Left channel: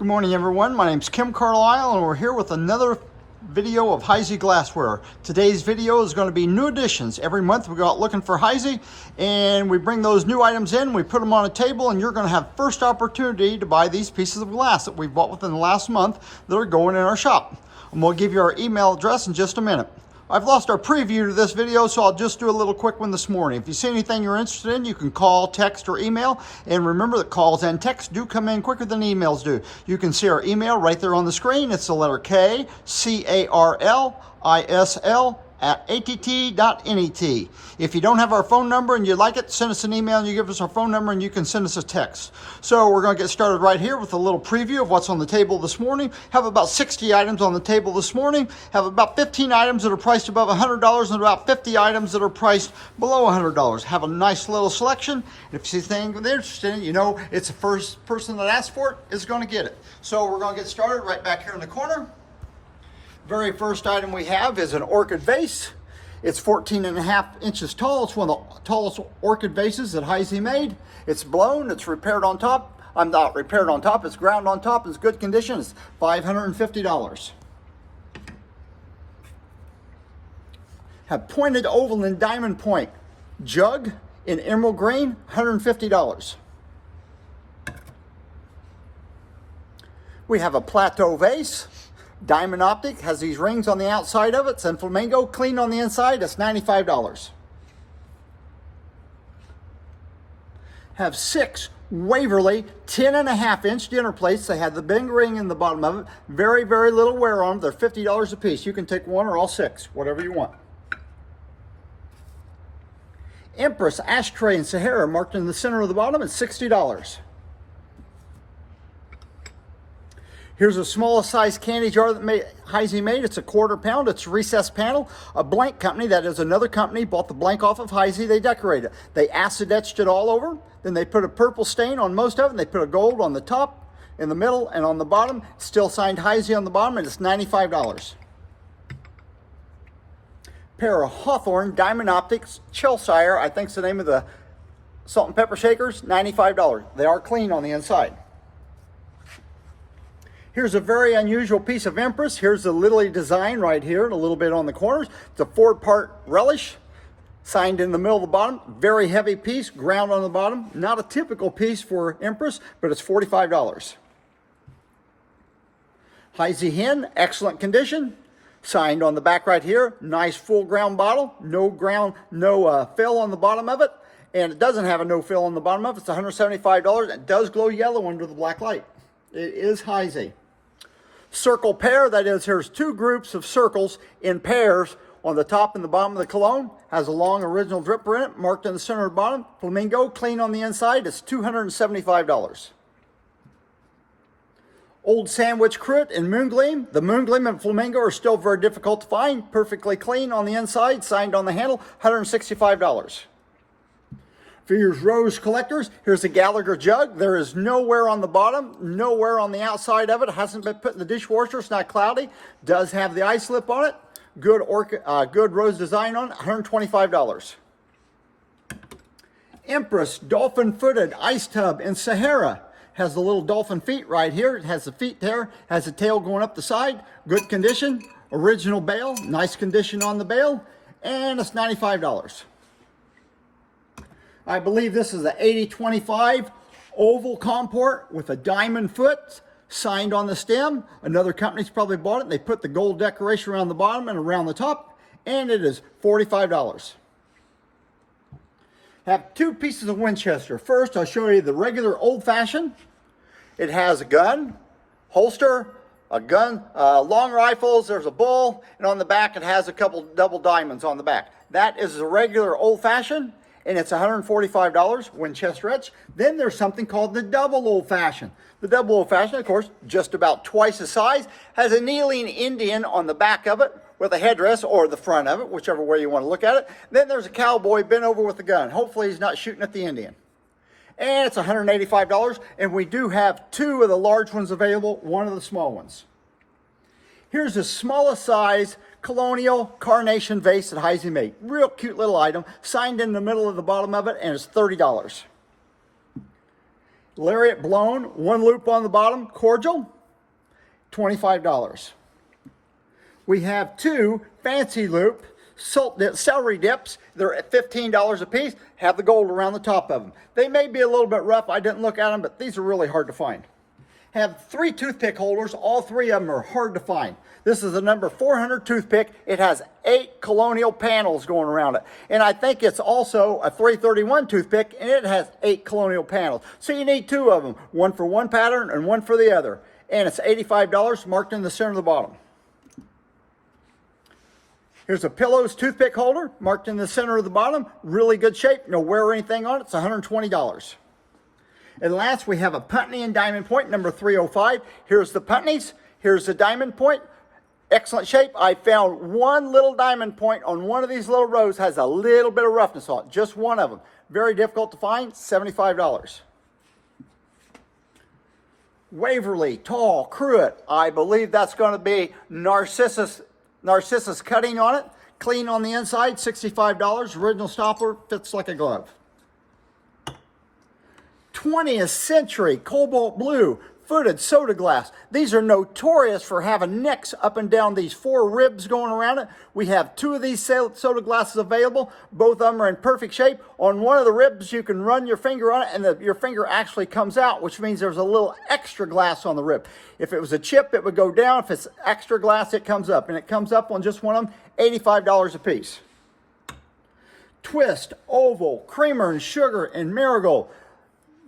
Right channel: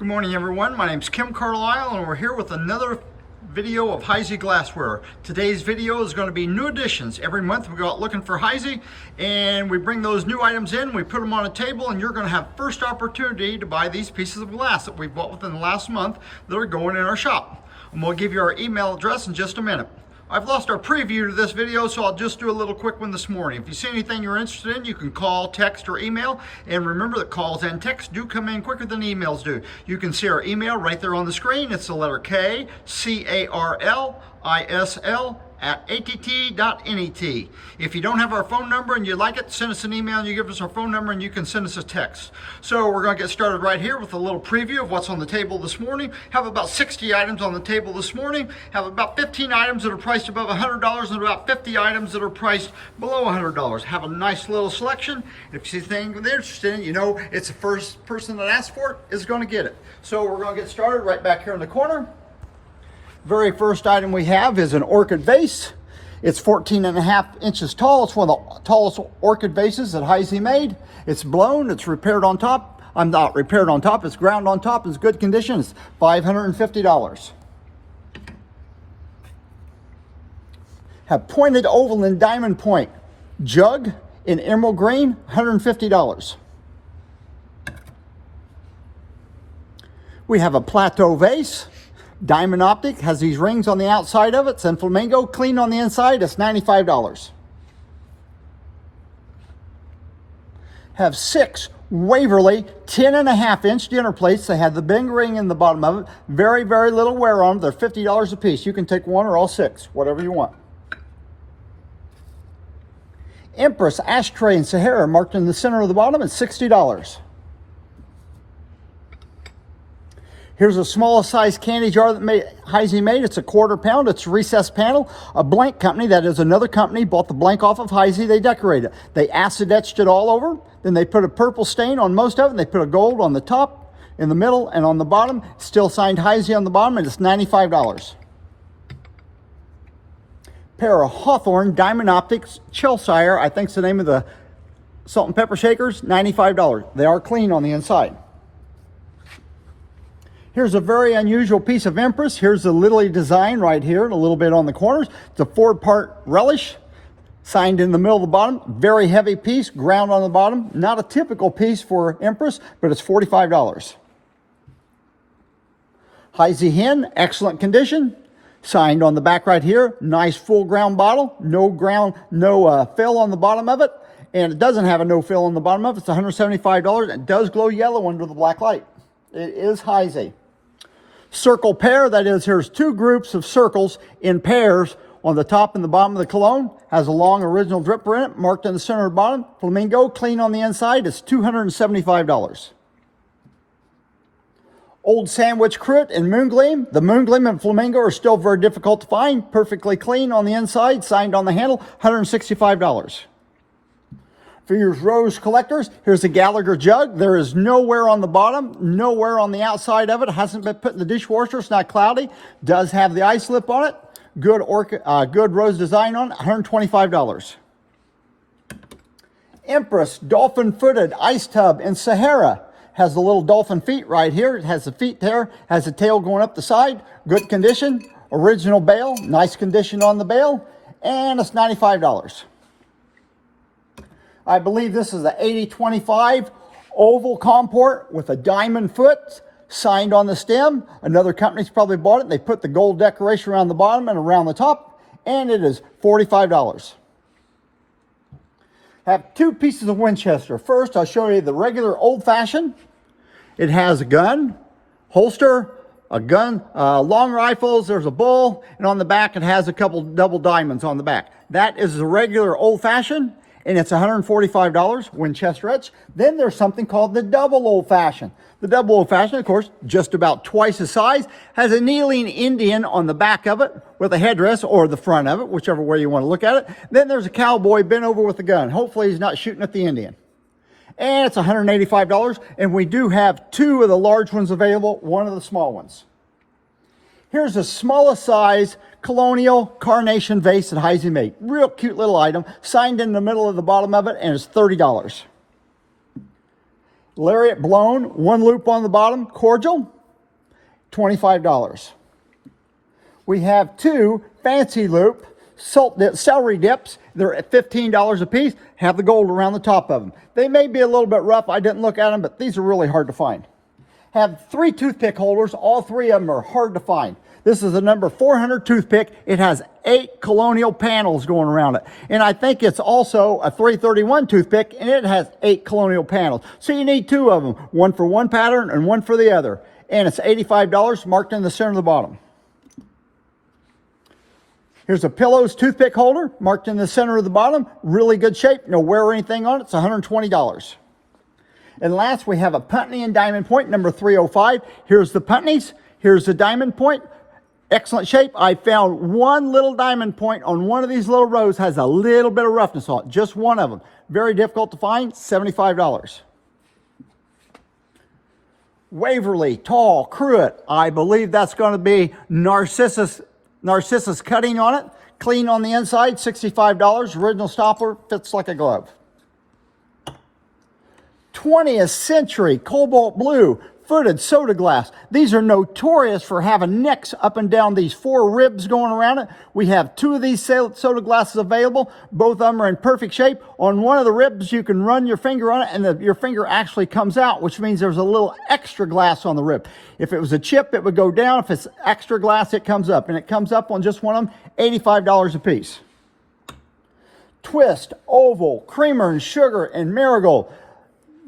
Good morning, everyone. My name's Kim Carlisle, and we're here with another video of Heisey glassware. Today's video is going to be new additions. Every month we go out looking for Heisey, and we bring those new items in, we put them on a table, and you're going to have first opportunity to buy these pieces of glass that we've bought within the last month that are going in our shop. And we'll give you our email address in just a minute. I've lost our preview to this video, so I'll just do a little quick one this morning. If you see anything you're interested in, you can call, text, or email. And remember that calls and texts do come in quicker than emails do. You can see our email right there on the screen. It's the letter K, C-A-R-L-I-S-L @att.net. If you don't have our phone number and you'd like it, send us an email and you give us our phone number and you can send us a text. So we're going to get started right here with a little preview of what's on the table this morning. Have about 60 items on the table this morning. Have about 15 items that are priced above $100 and about 50 items that are priced below $100. Have a nice little selection. If you see anything they're interested in, you know it's the first person that asks for it is going to get it. So we're going to get started right back here in the corner. Very first item we have is an orchid vase. It's 14.5 inches tall. It's one of the tallest orchid vases that Heisey made. It's blown, it's repaired on top. I'm not repaired on top, it's ground on top, it's good condition. It's $550. Have pointed oval and diamond point jug in emerald green, $150. We have a plateau vase. Diamond optic, has these rings on the outside of it. It's in flamingo, clean on the inside. It's $95. Have 6 Waverly 10.5 inch dinner plates. They have the big ring in the bottom of it. Very, very little wear on them. They're $50 a piece. You can take one or all 6, whatever you want. Empress ashtray in Sahara, marked in the center of the bottom, it's $60. Here's a small size candy jar that Heisey made. It's a 1/4 pound. It's a recessed panel. A blank company, that is another company, bought the blank off of Heisey. They decorated it. They acid etched it all over. Then they put a purple stain on most of it. And they put a gold on the top, in the middle, and on the bottom. Still signed Heisey on the bottom, and it's $95. Pair of Hawthorne Diamond Optics Chelsire, I think's the name of the salt and pepper shakers, $95. They are clean on the inside. Here's a very unusual piece of Empress. Here's the lily design right here, a little bit on the corners. It's a 4-part relish, signed in the middle of the bottom. Very heavy piece, ground on the bottom. Not a typical piece for Empress, but it's $45. Heisey hen, excellent condition. Signed on the back right here. Nice full ground bottle. No fill on the bottom of it. And it doesn't have a no fill on the bottom of it. It's $175. It does glow yellow under the black light. It is Heisey. Circle pair, that is, here's 2 groups of circles in pairs on the top and the bottom of the cologne. Has a long original dripper in it, marked in the center of the bottom. Flamingo, clean on the inside. It's $275. Old Sandwich Crit and Moongleam. The Moongleam and Flamingo are still very difficult to find. Perfectly clean on the inside, signed on the handle, $165. For your rose collectors, here's a Gallagher jug. There is no wear on the bottom, no wear on the outside of it. Hasn't been put in the dishwasher. It's not cloudy. Does have the ice lip on it. Good rose design on it, $125. Empress dolphin-footed ice tub in Sahara. Has the little dolphin feet right here. It has the feet there. Has the tail going up the side. Good condition. Original bale. Nice condition on the bale. And it's $95. I believe this is the 8025 oval comport with a diamond foot signed on the stem. Another company's probably bought it. They put the gold decoration around the bottom and around the top, and it is $45. Have 2 pieces of Winchester. First, I'll show you the regular old-fashioned. It has a gun, holster, a gun, long rifles, there's a bowl, and on the back it has a couple double diamonds on the back. That is the regular old-fashioned. And it's $145, Winchester etch. Then there's something called the double old-fashioned. The double old-fashioned, of course, just about twice the size, has a kneeling Indian on the back of it with a headdress, or the front of it, whichever way you want to look at it. Then there's a cowboy bent over with a gun. Hopefully he's not shooting at the Indian. And it's $185, and we do have 2 of the large ones available, 1 of the small ones. Here's the smallest size colonial carnation vase that Heisey made. Real cute little item, signed in the middle of the bottom of it, and it's $30. Lariat blown, one loop on the bottom, cordial, $25. We have two fancy loop celery dips. They're at $15 a piece, have the gold around the top of them. They may be a little bit rough, I didn't look at them, but these are really hard to find. Have three toothpick holders, all three of them are hard to find. This is a number 400 toothpick. It has 8 colonial panels going around it. And I think it's also a 331 toothpick, and it has 8 colonial panels. So you need two of them, one for one pattern and one for the other. And it's $85, marked in the center of the bottom. Here's a Pillows toothpick holder, marked in the center of the bottom. Really good shape, no wear or anything on it. It's $120. And last, we have a Putney and Diamond Point, number 305. Here's the Putneys. Here's the Diamond Point. Excellent shape. I found one little diamond point on one of these little rows, has a little bit of roughness on it. Just one of them. Very difficult to find, $75. Waverly Tall Cruet. I believe that's going to be Narcissus cutting on it. Clean on the inside, $65. Original stopper, fits like a glove. 20th Century Cobalt Blue footed soda glass. These are notorious for having necks up and down these 4 ribs going around it. We have 2 of these soda glasses available. Both of them are in perfect shape. On one of the ribs, you can run your finger on it, and your finger actually comes out, which means there's a little extra glass on the rib. If it was a chip, it would go down. If it's extra glass, it comes up. And it comes up on just one of them, $85 a piece. Twist, Oval, Creamer and Sugar, and Marigold.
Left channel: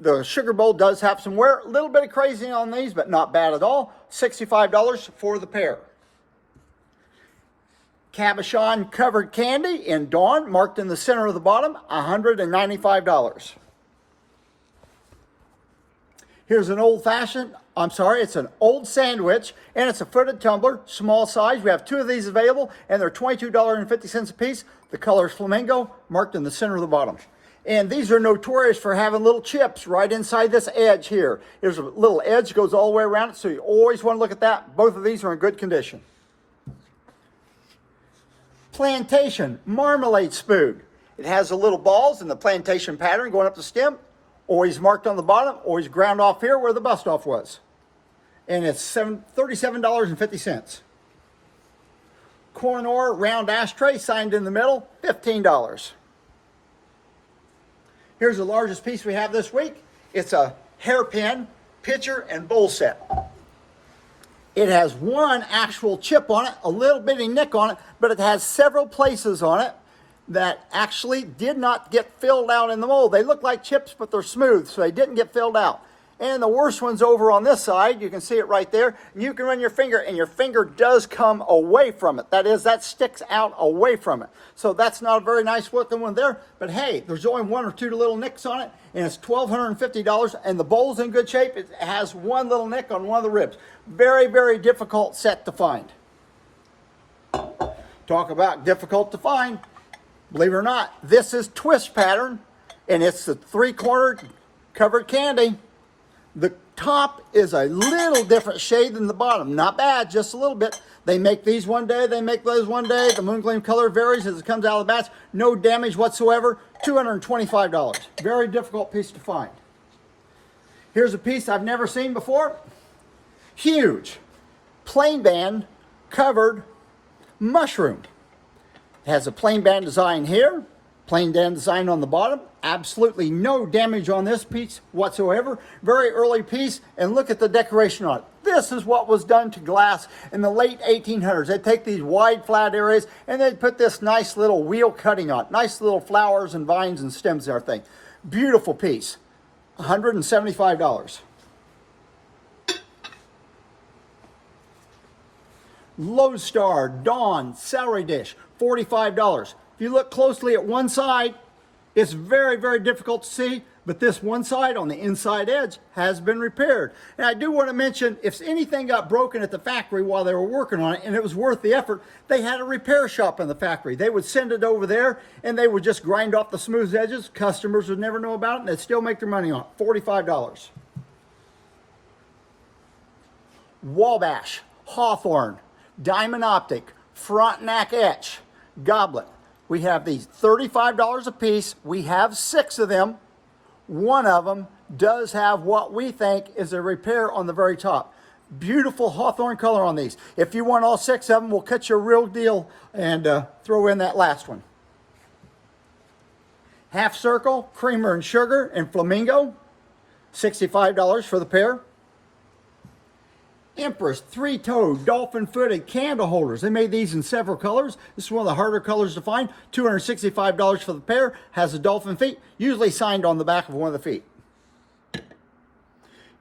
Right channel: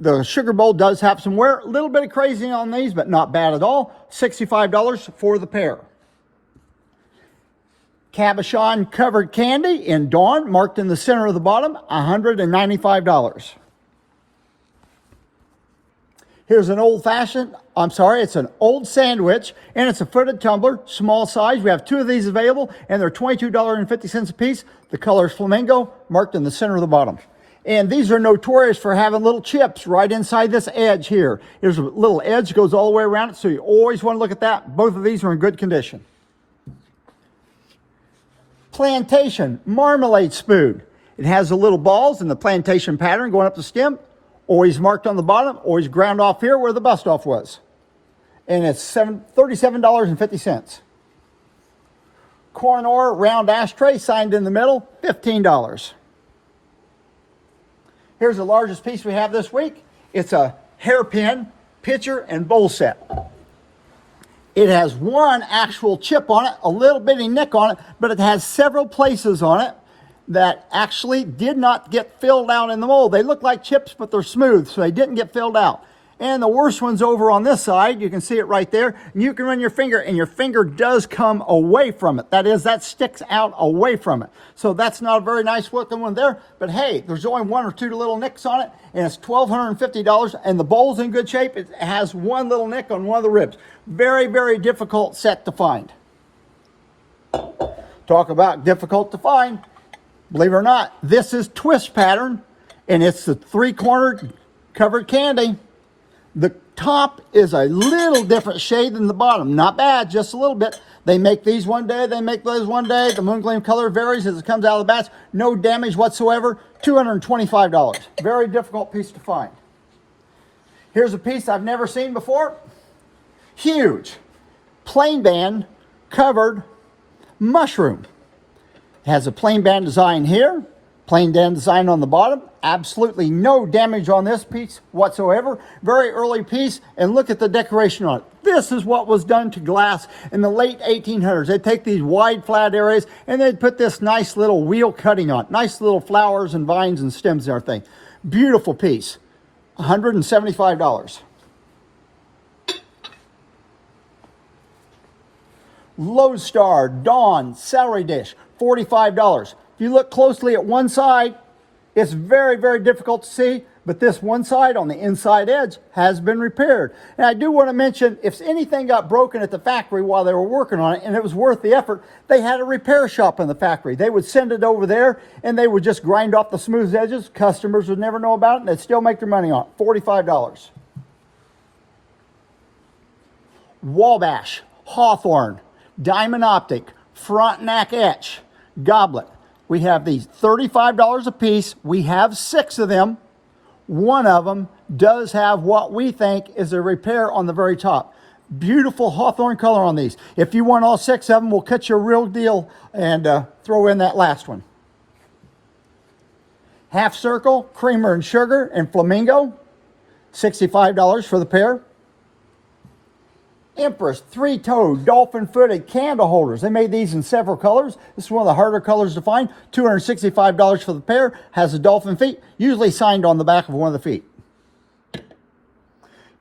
The sugar bowl does have some wear, a little bit of crazy on these, but not bad at all. $65 for the pair. Cabochon covered candy in Dawn, marked in the center of the bottom, $195. Here's an it's an old sandwich, and it's a footed tumbler, small size. We have 2 of these available, and they're $22.50 a piece. The color is flamingo, marked in the center of the bottom. And these are notorious for having little chips right inside this edge here. There's a little edge that goes all the way around it, so you always want to look at that. Both of these are in good condition. Plantation Marmalade Spoon. It has the little balls in the plantation pattern going up the stem. Always marked on the bottom, always ground off here where the bust off was. And it's $37.50. Cornor round ashtray signed in the middle, $15. Here's the largest piece we have this week. It's a hairpin pitcher and bowl set. It has one actual chip on it, a little bitty nick on it, but it has several places on it that actually did not get filled out in the mold. They look like chips, but they're smooth, so they didn't get filled out. And the worst one's over on this side. You can see it right there. You can run your finger, and your finger does come away from it. That is, that sticks out away from it. So that's not a very nice looking one there. But hey, there's only 1 or 2 little nicks on it, and it's $1,250. And the bowl's in good shape. It has one little nick on one of the ribs. Very, very difficult set to find. Talk about difficult to find. Believe it or not, this is twist pattern, and it's the 3-cornered covered candy. The top is a little different shade than the bottom. Not bad, just a little bit. They make these one day, they make those one day. The moon gleam color varies as it comes out of the batch. No damage whatsoever, $225. Very difficult piece to find. Here's a piece I've never seen before. Huge, plain band covered mushroom. It has a plain band design here, plain band design on the bottom. Absolutely no damage on this piece whatsoever. Very early piece, and look at the decoration on it. This is what was done to glass in the late 1800s. They'd take these wide flat areas and they'd put this nice little wheel cutting on it. Nice little flowers and vines and stems and everything. Beautiful piece, $175. Lodestar Dawn celery dish, $45. If you look closely at one side, it's very, very difficult to see, but this one side on the inside edge has been repaired. And I do want to mention, if anything got broken at the factory while they were working on it and it was worth the effort, they had a repair shop in the factory. They would send it over there and they would just grind off the smooth edges. Customers would never know about it and they'd still make their money on it. $45. Wabash, Hawthorne, Diamond Optic, Frontenac Etch, Goblet. We have these $35 a piece. We have 6 of them. One of them does have what we think is a repair on the very top. Beautiful hawthorn color on these. If you want all 6 of them, we'll cut you a real deal and throw in that last one. Half circle, creamer and sugar, and flamingo, $65 for the pair. Empress 3-toed dolphin-footed candle holders. They made these in several colors. This is one of the harder colors to find. $265 for the pair. Has the dolphin feet, usually signed on the back of one of the feet.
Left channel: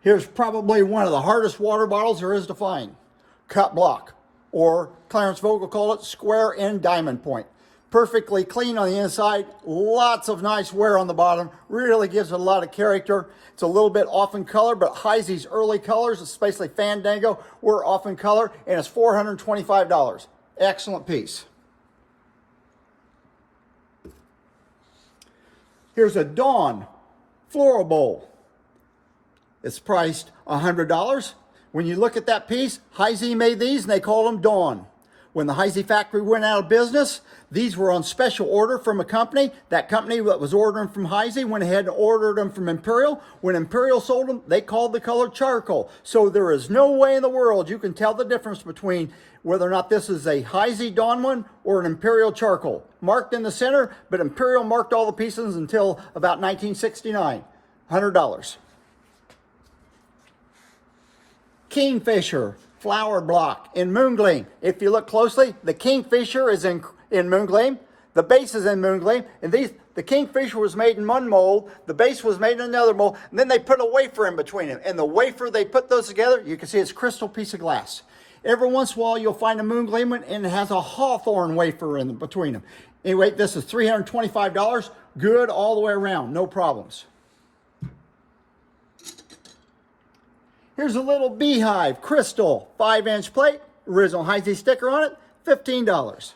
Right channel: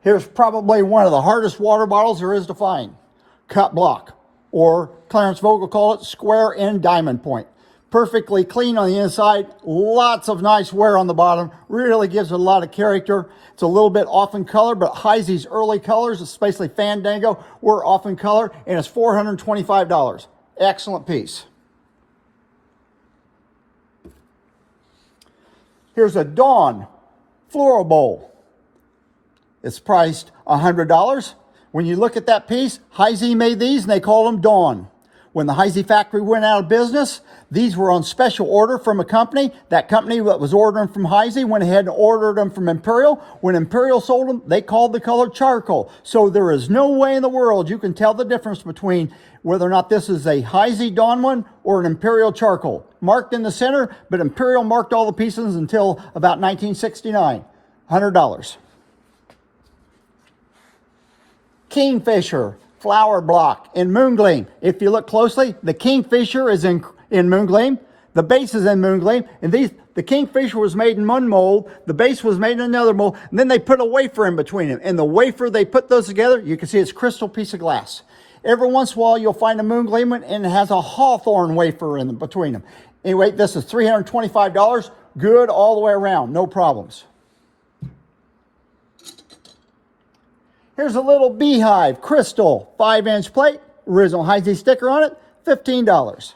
Here's probably one of the hardest water bottles there is to find. Cut block, or Clarence Vogel called it square end diamond point. Perfectly clean on the inside, lots of nice wear on the bottom, really gives it a lot of character. It's a little bit off in color, but Heisey's early colors, especially Fandango, were off in color, and it's $425. Excellent piece. Here's a Dawn floral bowl. It's priced $100. When you look at that piece, Heisey made these and they called them Dawn. When the Heisey factory went out of business, these were on special order from a company. That company that was ordering from Heisey went ahead and ordered them from Imperial. When Imperial sold them, they called the color charcoal. So there is no way in the world you can tell the difference between whether or not this is a Heisey Dawn one or an Imperial charcoal. Marked in the center, but Imperial marked all the pieces until about 1969. $100. Kingfisher flower block in Moongleam. If you look closely, the Kingfisher is in Moongleam. The base is in Moongleam. And the Kingfisher was made in one mold. The base was made in another mold. And then they put a wafer in between them. And the wafer, they put those together. You can see it's crystal piece of glass. Every once in a while, you'll find a Moongleam one and it has a hawthorn wafer in between them. Anyway, this is $325. Good all the way around. No problems. Here's a little beehive crystal 5-inch plate, original Heisey sticker on it, $15.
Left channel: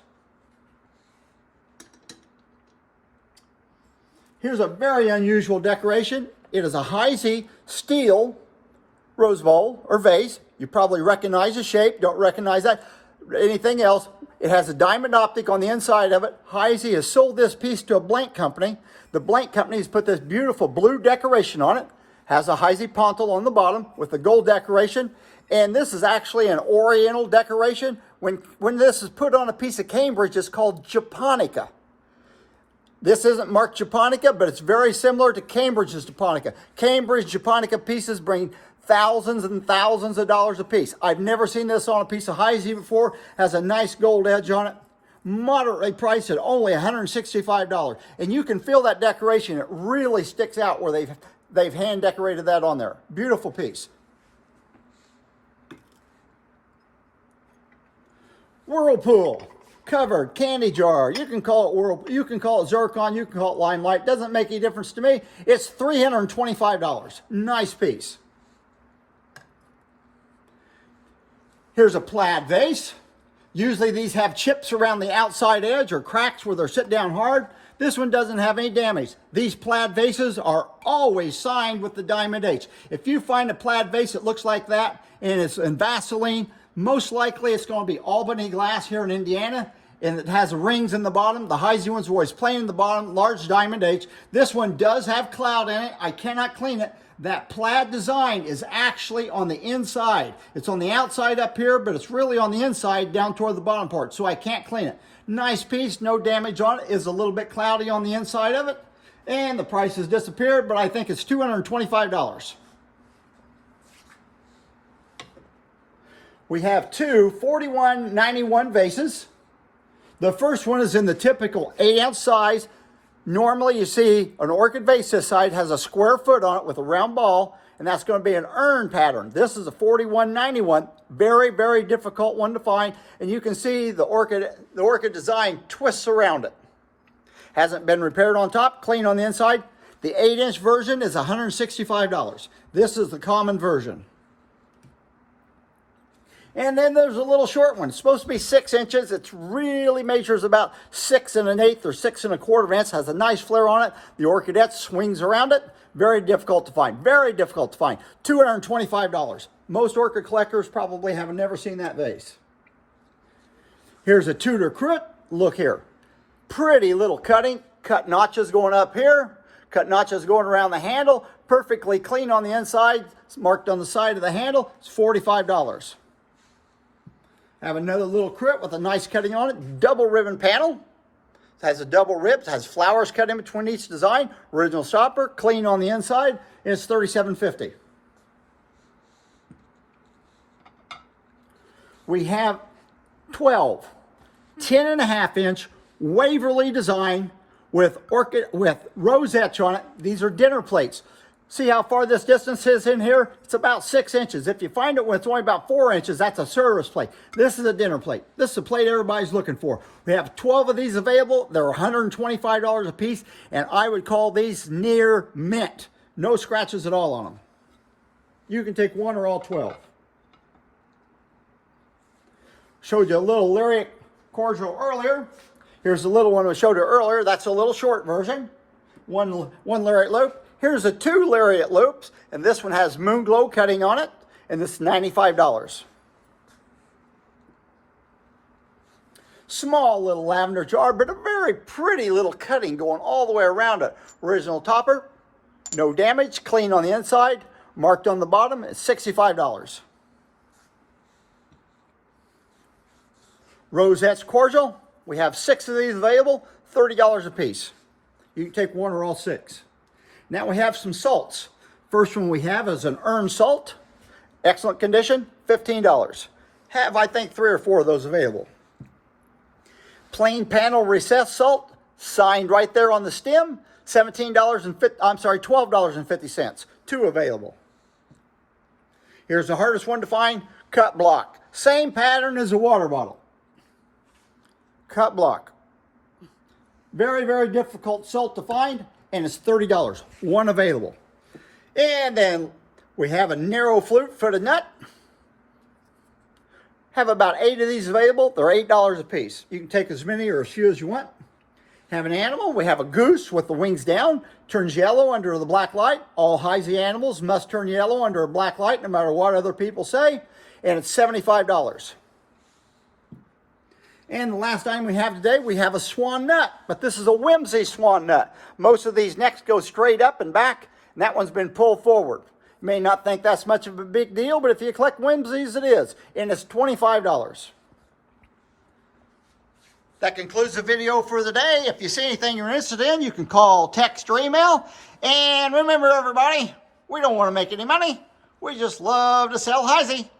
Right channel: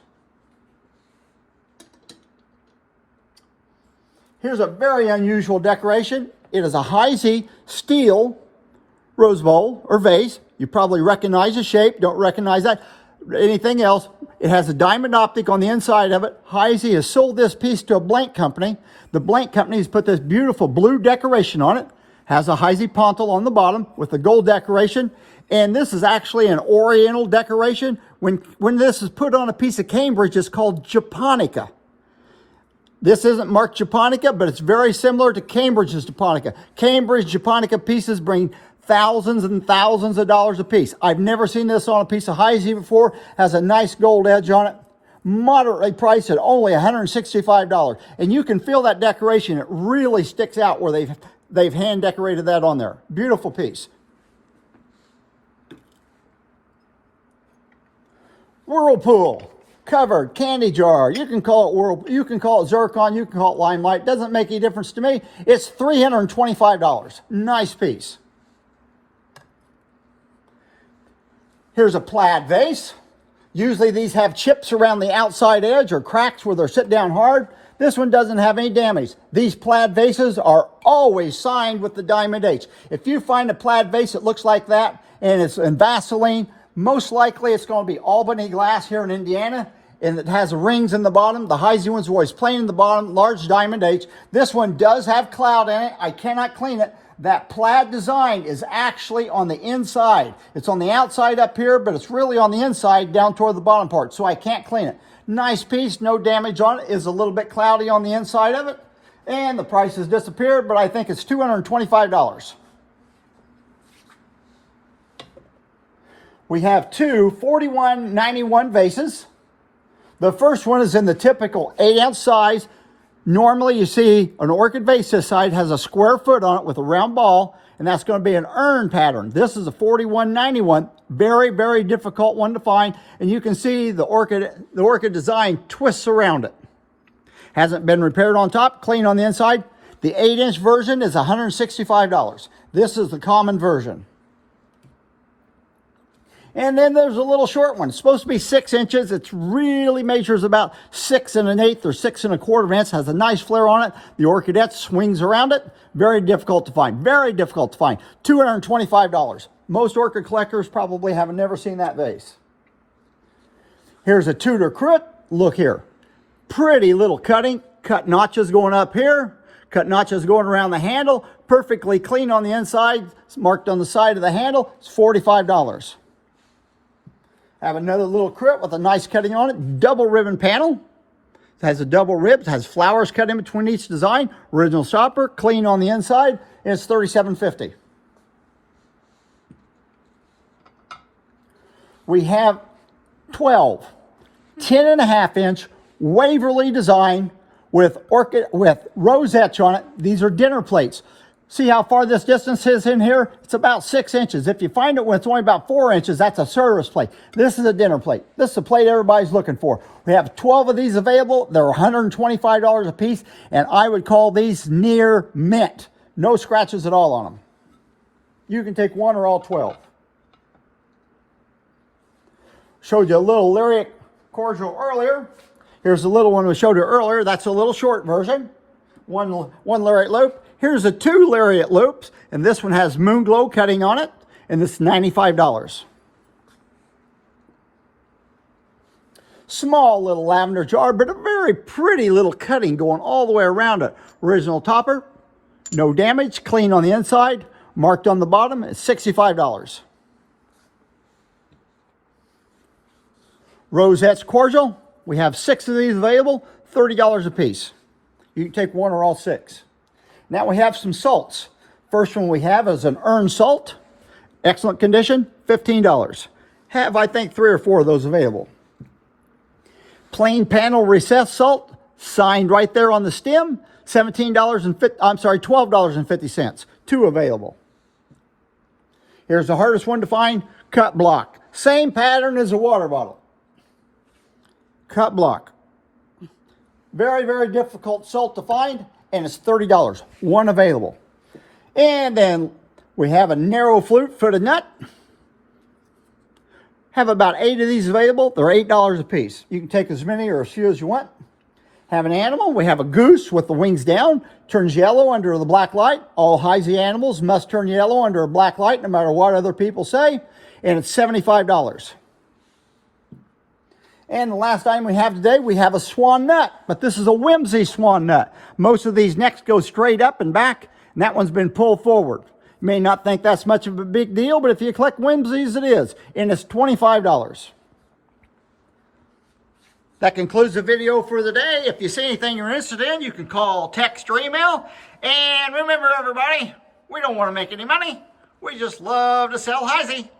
Here's a very unusual decoration. It is a Heisey steel rose bowl or vase. You probably recognize the shape, don't recognize that. Anything else, it has a diamond optic on the inside of it. Heisey has sold this piece to a blank company. The blank company has put this beautiful blue decoration on it. Has a Heisey pontil on the bottom with the gold decoration. And this is actually an oriental decoration. When this is put on a piece of Cambridge, it's called Japonica. This isn't marked Japonica, but it's very similar to Cambridge's Japonica. Cambridge Japonica pieces bring thousands and thousands of dollars a piece. I've never seen this on a piece of Heisey before. Has a nice gold edge on it. Moderately priced at only $165. And you can feel that decoration. It really sticks out where they've hand decorated that on there. Beautiful piece. Whirlpool covered candy jar. You can call it Whirlpool, you can call it Zircon, you can call it Limelight. Doesn't make any difference to me. It's $325. Nice piece. Here's a plaid vase. Usually these have chips around the outside edge or cracks where they're sit down hard. This one doesn't have any damage. These plaid vases are always signed with the Diamond H. If you find a plaid vase that looks like that and it's in Vaseline, most likely it's going to be Albany glass here in Indiana, and it has rings in the bottom. The Heisey one's always plain in the bottom, large Diamond H. This one does have cloud in it. I cannot clean it. That plaid design is actually on the inside. It's on the outside up here, but it's really on the inside down toward the bottom part, so I can't clean it. Nice piece, no damage on it. Is a little bit cloudy on the inside of it. And the price has disappeared, but I think it's $225. We have two 4191 vases. The first one is in the typical 8-ounce size. Normally you see an orchid vase this side has a square foot on it with a round ball, and that's going to be an urn pattern. This is a 4191. Very, very difficult one to find. And you can see the orchid design twists around it. Hasn't been repaired on top, clean on the inside. The 8-inch version is $165. This is the common version. And then there's a little short one. It's supposed to be 6 inches. It really measures about 6 1/8 or 6 1/4 inches. Has a nice flare on it. The orchidette swings around it. Very difficult to find. Very difficult to find. $225. Most orchid collectors probably have never seen that vase. Here's a Tudor cruet. Look here. Pretty little cutting. Cut notches going up here. cut notches going around the handle, perfectly clean on the inside. It's marked on the side of the handle. It's $45. Have another little crit with a nice cutting on it. Double ribbon panel. It has a double rib. It has flowers cut in between each design. Original shopper, clean on the inside. And it's $37.50. We have 12 10.5-inch Waverly design with rosettes on it. These are dinner plates. See how far this distance is in here? It's about 6 inches. If you find it when it's only about 4 inches, that's a service plate. This is a dinner plate. This is the plate everybody's looking for. We have 12 of these available. They're $125 a piece, and I would call these near mint. No scratches at all on them. You can take one or all 12. Showed you a little lyric cordial earlier. Here's the little one we showed you earlier. That's a little short version. One lariat loop. Here's the 2 lariat loops, and this one has moon glow cutting on it, and this is $95. Small little lavender jar, but a very pretty little cutting going all the way around it. Original topper, no damage, clean on the inside, marked on the bottom. It's $65. Rosettes cordial. We have 6 of these available, $30 a piece. You can take one or all 6. Now we have some salts. First one we have is an urn salt. Excellent condition, $15. Have, I think, 3 or 4 of those available. Plain panel recessed salt, signed right there on the stem, $12.50. 2 available. Here's the hardest one to find, cut block. Same pattern as a water bottle. Cut block. Very, very difficult salt to find, and it's $30. 1 available. And then we have a narrow flute footed nut. Have about 8 of these available. They're $8 a piece. You can take as many or as few as you want. Have an animal. We have a goose with the wings down. Turns yellow under the black light. All Heisey animals must turn yellow under a black light, no matter what other people say. And it's $75. And the last item we have today, we have a swan nut, but this is a whimsy swan nut. Most of these necks go straight up and back, and that one's been pulled forward. You may not think that's much of a big deal, but if you collect whimsies, it is, and it's $25. That concludes the video for the day. If you see anything you're interested in, you can call, text, or email. And remember, everybody, we don't want to make any money. We just love to sell Heisey.